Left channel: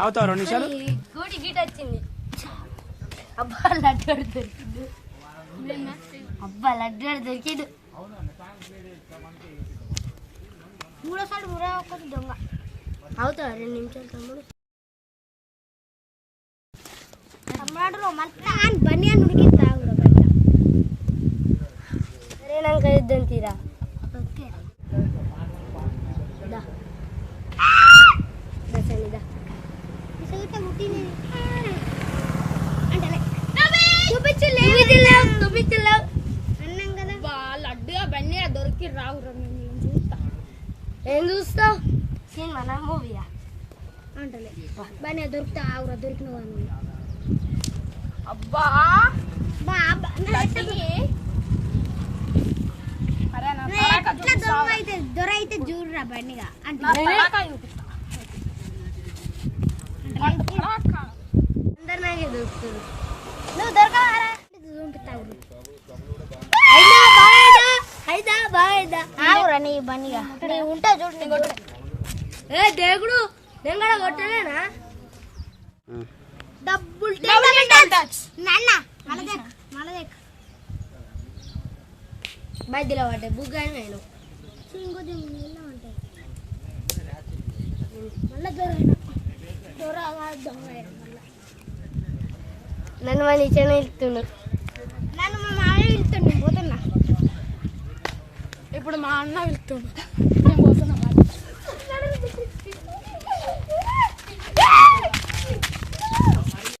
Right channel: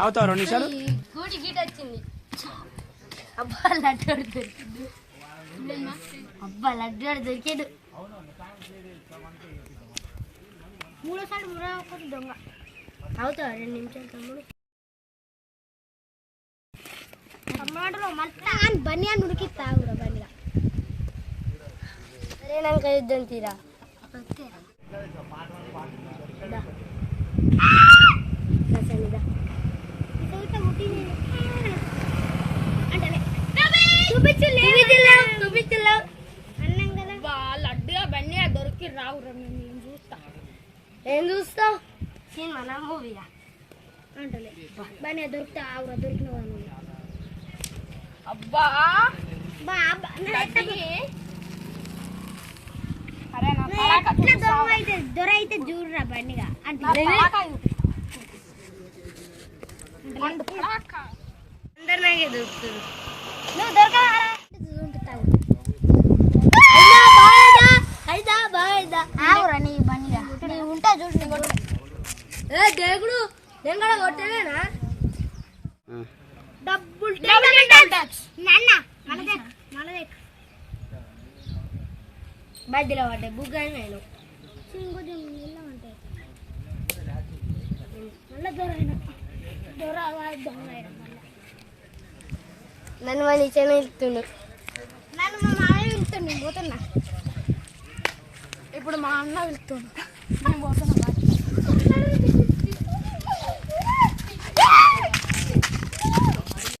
అవుతావు రెండు నిమిషాలు? గూడి గీట వచ్చింది. అబ్బా లడ్డు దొరికింది. అబ్బా లడ్డు దొరికిండు మూడోసారి మూడో ఒకటి దొంగ. అవుతావా రెండు నిమిషాలు తమ్ముడు? తమ్ముడు మళ్ళీ బన్నీ అని ఉడికిస్తా కూడా బయట సరేనాక యుద్ధం తీరా దా. సరే, దా. అన్నం లడ్డుగా దొరికి రావు నేను చూస్తా ఏం చూస్తావు సినిమా నా మూవీయా అంటలే బండి దొరికితే ఆవురా దొరికిన నువ్వు అబ్బా బా బా, నా ఎట్టకి? అరే నా నా తలాక ఎట్లా చూపిస్తావా? దొర అయితే దొర అయితే చూడరా బండిగా. అందరు నాకే దొరుకుతుంది నువ్వు దొరకరా చూపిస్తావు. అయినా బాగా అయినా బాగా ఆవురా నీ బండిగా. నీ ఉంటా చూడు నీ కొట్టు. ఏ దేవుడు నేను కూడా కొట్టలేనా డబ్బులు నాన్న మనదే మనదే. మధ్యలో పడ్డాయి బుగ్గ అని నేను. ఇంకొంచెం నీళ్ళ ఉంటాయి మళ్ళా దొర దొర నన్ను ఇచ్చాను ఇస్తుండు నన్ను మా మామయ్య నేను పోతున్నా. ఇప్పుడు మా అన్న బాయ్.